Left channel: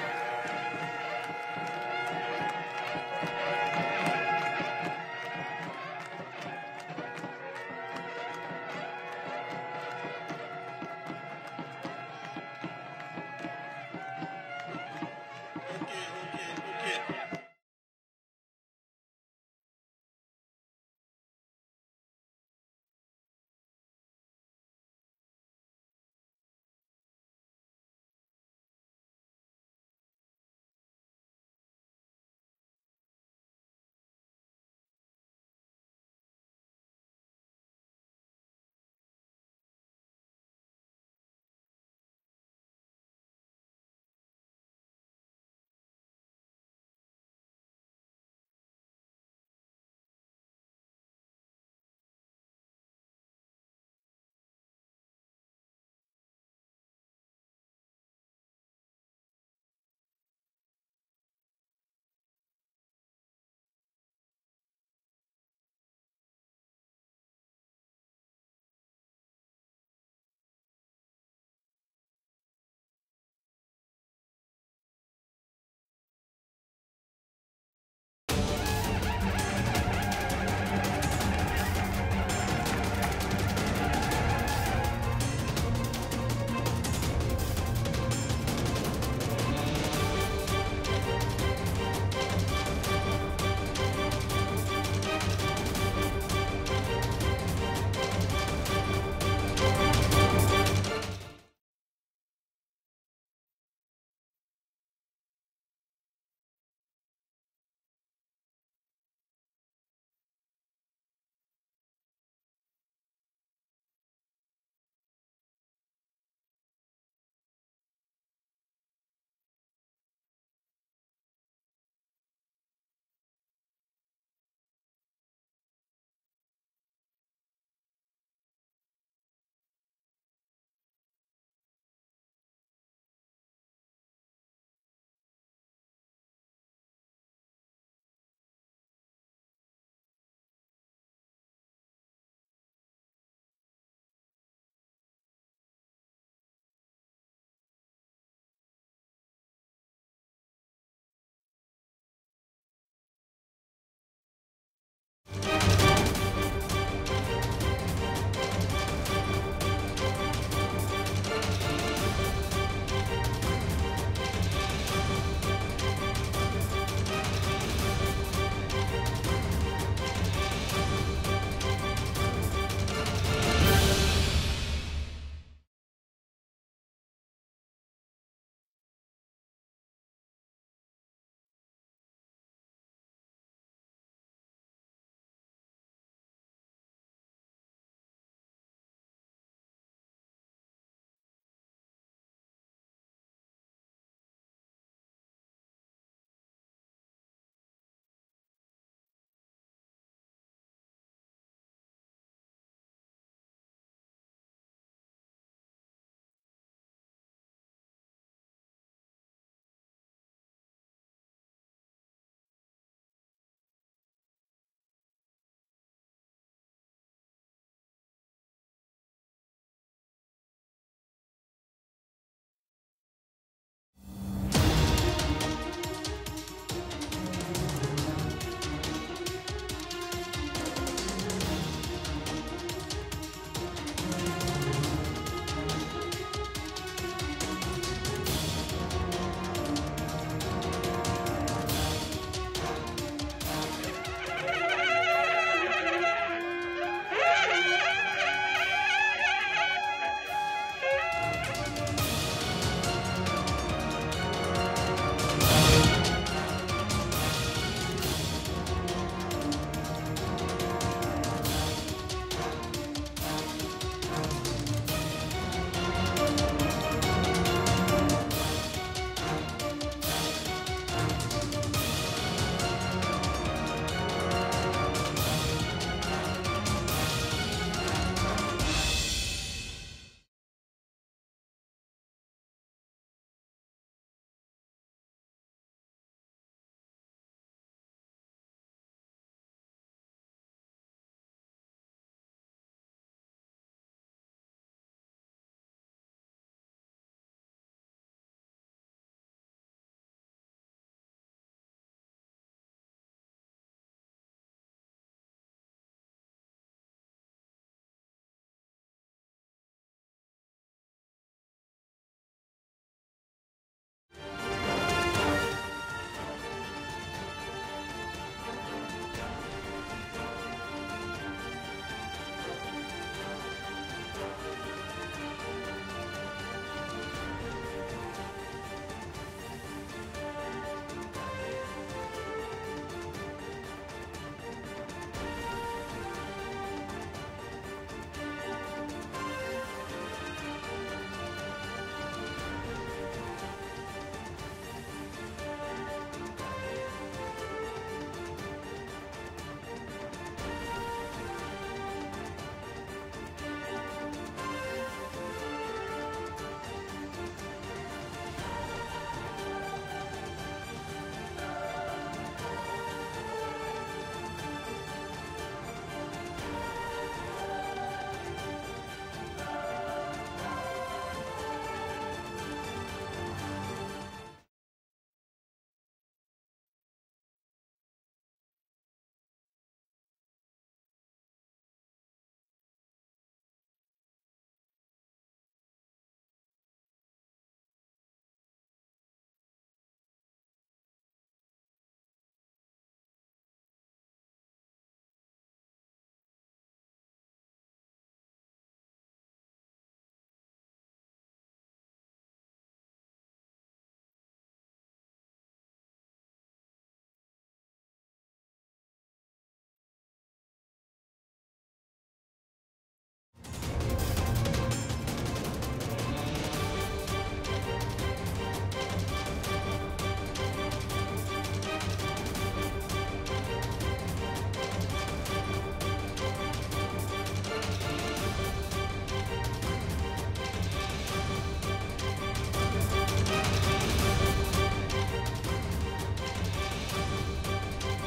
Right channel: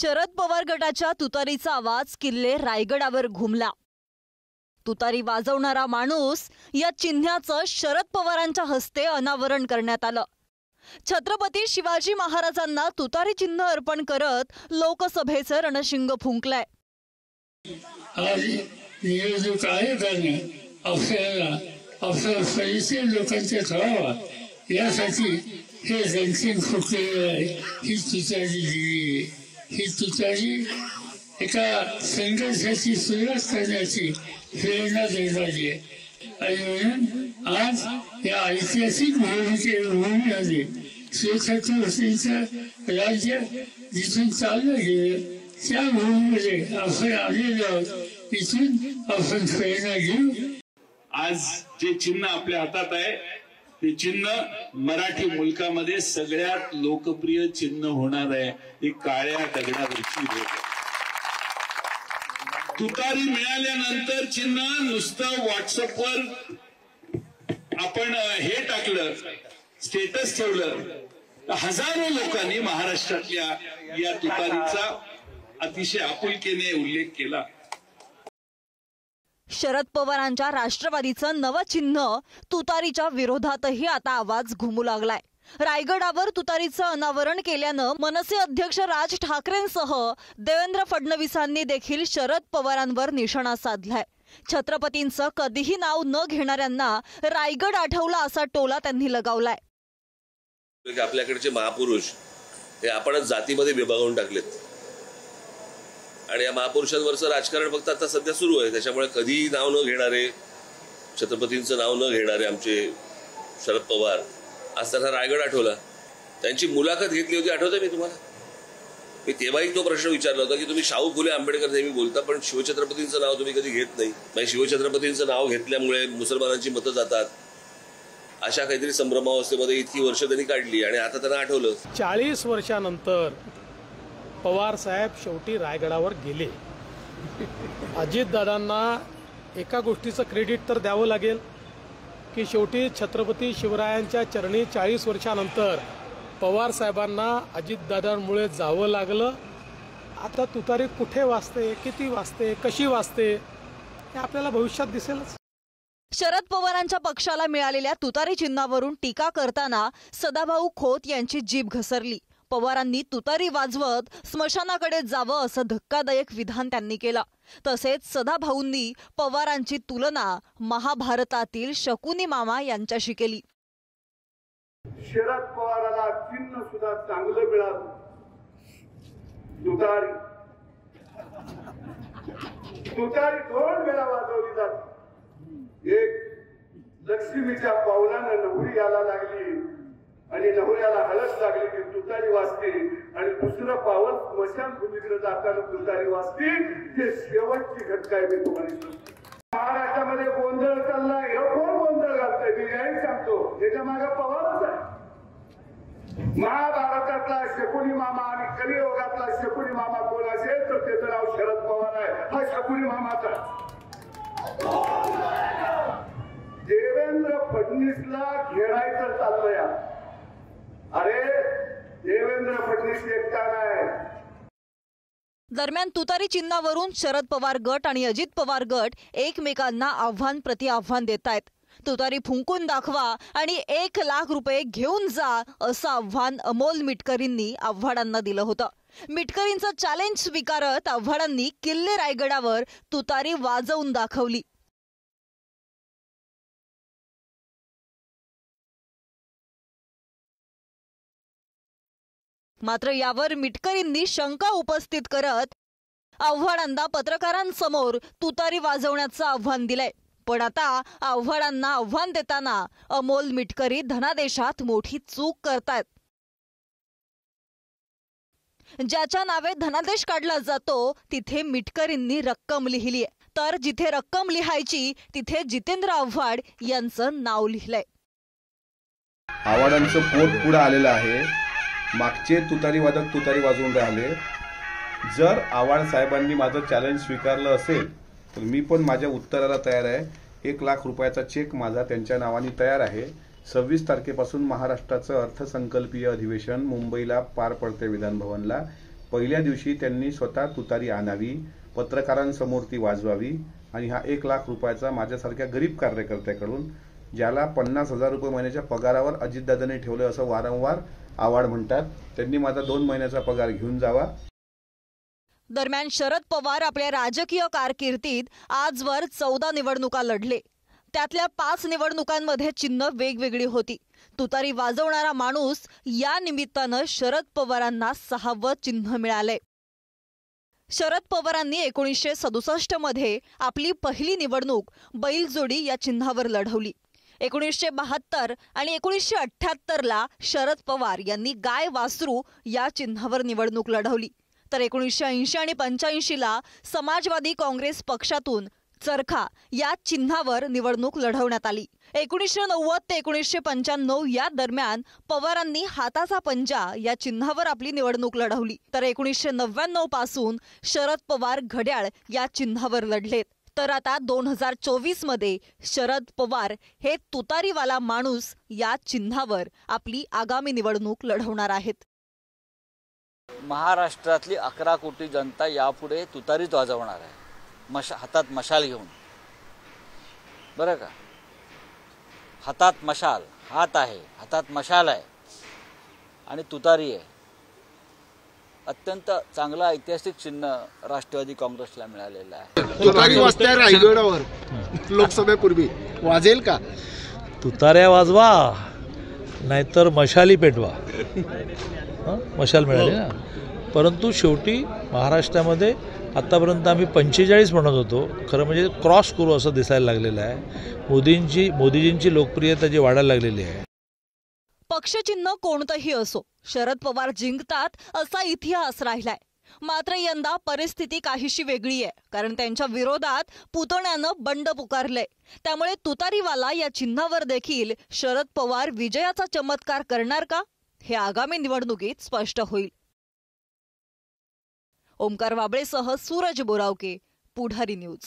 शरद पवार गटाच्या तुतारीचा आवाज किल्ले रायगडावर घुमला। तुतारी वाजवणारा माणूस या चिन्हाचं शरद पवारांच्या हस्ते अनावरण करण्यात आलं। छत्रपती शिवाजी महाराजांना तुतारी चिन्ह अर्पण करत लोकसभेचं रणशिंग फुंकलंय। आज निवडणूक आयोगाने आपल्या परिचय लोकांच्या कळावा यासाठी हे रणशिंग फुंकलेलं आहे। ही तुतारी दिली, ही तुतारी एका संघर्षाची सुरुवात करण्याची प्रेरणा देणारी आहे। आणि म्हणून आज या ऐतिहासिक भूमीमध्ये छत्रपतींचं राज्य जिथून चाललं गेलं त्या भूमीमध्ये आपण आलेलो आहोत। इथून आपण प्रेरणा घेऊ। आज जे चिन्ह आपल्या हातात आहे ते चिन्ह मराठी मुलकामध्ये सगळ्यात लोकप्रिय चिन्ह होणार आहे। ही काळ्या दगडावरची रेघ। तुतारी मिळाल्यानंतर चिन्ह नुसतं व्हॉट्सअपवर आपण हे टाकलं, स्टेटस ठेवलं, हजारो लोकांनी महाराष्ट्रातल्या या तुतारीचा अतिशय आपुलकीने उल्लेख केला। शरद पवारांच्या राष्ट्रवादीचं नवं चिन्ह तुतारीच्या विरोधातही आता आवाज घुमू लागलाय। रायगडावर तुतारीचं अनावरण केल्यानं मनसे अध्यक्ष राज ठाकरेंसह देवेंद्र फडणवीसांनी देखील शरद पवारांवर निशाणा साधलाय। छत्रपतींचं कधीही नाव न घेणाऱ्यांना रायगड आठवला असा टोला त्यांनी लगावलाय। आपल्याकडचे महापुरुष हे आपणच जातीमध्ये विभागून टाकलेत आणि या महापुरुषांवरचं राजकारण फक्त आता सध्या सुरू आहे। त्याच्यामुळे कधी नाव न घेणारे, छत्रपतींचं नाव न घेणारे आमचे शरद पवार आज त्यांना रायगड आठवला। त्यांची मुलाखत घेतली होती, आठवतं मी तुम्हाला? मी तेव्हाही तो प्रश्न विचारला होता की तुम्ही शाहू फुले आंबेडकर नेहमी बोलता पण शिवछत्रपतींचं नाव तुम्ही कधी घेत नाही। म्हणजे शिवछत्रपतींचं नाव घेतल्यामुळे मुसलमानांची मतं जातात, अशा काहीतरी संभ्रमावस्थेमध्ये इतकी वर्ष त्यांनी काढली आणि आता त्यांना आठवलं। 40 वर्षानंतर पवार साहेब शेवटी रायगडावर गेले। अजितदादांना एका गोष्टीचं क्रेडिट तर द्यावं लागेल की शेवटी छत्रपती शिवरायांच्या चरणी 40 वर्षानंतर पवार साहेबांना अजितदादांमुळे जावं लागलं। आता तुतारी कुठे वाजते, किती वाजते, कशी वाजते हे आपल्याला भविष्यात दिसेलच। शरद पवारांच्या पक्षाला मिळालेल्या तुतारी चिन्हावरून टीका करताना सदाभाऊ खोत यांची जीभ घसरली। पवारांनी तुतारी वाजवत स्मशानाकडे जावं असं धक्कादायक विधान त्यांनी केलं। तसेच सदाभाऊंनी पवारांची तुलना महाभारतातील शकुनी मामा यांच्याशी केली। शरद पवाराला चिन्ह सुद्धा चांगलं मिळालं, तुतारी। तुतारी 2 वेळा वाजवली जाते। एक लक्ष्मीच्या पावलानं नवरी यायला लागली आणि नवऱ्याला हळद लागली की तुतारी वाजते, आणि दुसरं पावल स्मशानभूमीकडे जाताना तुतारी वाजते। हे शेवटची घटना आहे। मी तुम्हाला सांगतो महाराष्ट्रामध्ये गोंधळ चाललाय। हे कोण गोंधळ घालतंय? मी काही सांगतो, त्याच्या मागे पवारच आहे। महाभारतातला शकुनी मामा आणि कलियुगातला शकुनी मामा कोण असेल तर त्याचं नाव शरद पवार आहे। हा शकुनी मामाचा देवेंद्र फडणवीसला घेरायचं चाललंय। अरे देवेंद्र फडणवीस एकटा नाही। दरम्यान तुतारी चिन्हावरून शरद पवार गट आणि अजित पवार गट एकमेकांना आव्हान प्रति आव्हान देत आहेत। तुतारी फुंकून दाखवा आणि 1 लाख रुपये घेऊन जा असं आव्हान अमोल मिटकरींनी आव्हाडांना दिलं होतं। मिटकरींचं चॅलेंज स्वीकारत आव्हाडांनी किल्ले रायगडावर तुतारी वाजवून दाखवली। मात्र यावर मिटकरींनी शंका उपस्थित करत आव्हाडांना पत्रकारांसमोर तुतारी वाजवण्याचं आव्हान दिलंय। पण आता आव्हाडांना आव्हान देताना अमोल मिटकरी धनादेशात मोठी चूक करतात। ज्याच्या नावे धनादेश काढला जातो तिथे मिटकरींनी रक्कम लिहिली आहे, तर जिथे रक्कम लिहायची तिथे जितेंद्र आव्हाड यांचं नाव लिहिलंय। आव्हाडांचं पोट पुढे आलेलं आहे। मागचे तुतारी वादक तुतारी वाजवून राहिले। जर आव्हाड साहेबांनी माझं चॅलेंज स्वीकारलं असेल तर मी पण माझ्या उत्तराला तयार आहे। 1 लाख रुपयाचा चेक माझा त्यांच्या नावाने तयार आहे। 26 तारखेपासून महाराष्ट्राचं अर्थसंकल्पीय अधिवेशन मुंबईला पार पडते विधान भवनला। पहिल्या दिवशी त्यांनी स्वतः तुतारी आणावी, पत्रकारांसमोर ती वाजवावी आणि हा 1 लाख रुपयाचा माझ्यासारख्या गरीब कार्यकर्त्याकडून, ज्याला 50,000 रुपये महिन्याच्या पगारावर अजितदादांनी ठेवलं असं वारंवार आवाड म्हणतात, त्यांनी माझा 2 महिन्याचा पगार घेऊन जावा. दरम्यान शरद पवार आपल्या राजकीय कारकिर्दीत आजवर 14 निवडणुका लढले. त्यातल्या 5 निवडणुकांमध्ये चिन्ह वेगवेगळी होती. तुतारी वाजवणारा माणूस या निमित्तानं शरद पवारांना 6वं चिन्ह मिळालंय. शरद पवारांनी 1967 मध्ये आपली पहिली निवडणूक बैलजोडी या चिन्हावर लढवली. 1972 आणि 1978ला शरद पवार यांनी गाय वासरू या चिन्हावर निवडणूक लढवली. तर 1980 आणि 85ला समाजवादी काँग्रेस पक्षातून चरखा या चिन्हावर निवडणूक लढवण्यात आली. 1990 ते 1995 या दरम्यान पवारांनी हाताचा पंजा या चिन्हावर आपली निवडणूक लढवली. तर 1999 पासून शरद पवार घड्याळ या चिन्हावर लढलेत. तर आता 2024 मध्ये शरद पवार हे तुतारीवाला माणूस या चिन्हावर आपली आगामी निवडणूक लढवणार आहेत. महाराष्ट्रातली 11 कोटी जनता यापुढे तुतारीच वाजवणार आहे, हातात मशाल घेऊन. बरं का, हातात मशाल, हात आहे, हातात मशाल आहे आणि तुतारी आहे. अत्यंत चांगलं ऐतिहासिक चिन्ह राष्ट्रवादी काँग्रेसला मिळालेलं आहे. तुतारी वाजते रायगडावर लोकसभेपूर्वी, वाजेल का? तुताऱ्या वाजवा नाहीतर मशाली पेटवा. मशाल मिळाली ना. परंतु शेवटी महाराष्ट्रामध्ये आत्तापर्यंत आम्ही 45 म्हणत होतो, खरं म्हणजे क्रॉस करू असं दिसायला लागलेलं आहे. मोदीजींची लोकप्रियता जी वाढायला लागलेली आहे. पक्षचिन्ह कोणतंही असो, शरद पवार जिंकतात असा इतिहास राहिलाय. मात्र यंदा परिस्थिती काहीशी वेगळी आहे, कारण त्यांच्या विरोधात पुतण्यानं बंड पुकारलंय. त्यामुळे तुतारीवाला या चिन्हावर देखील शरद पवार विजयाचा चमत्कार करणार का, हे आगामी निवडणुकीत स्पष्ट होईल. ओमकार वाबळेसह सूरज बोरावके, पुढारी न्यूज.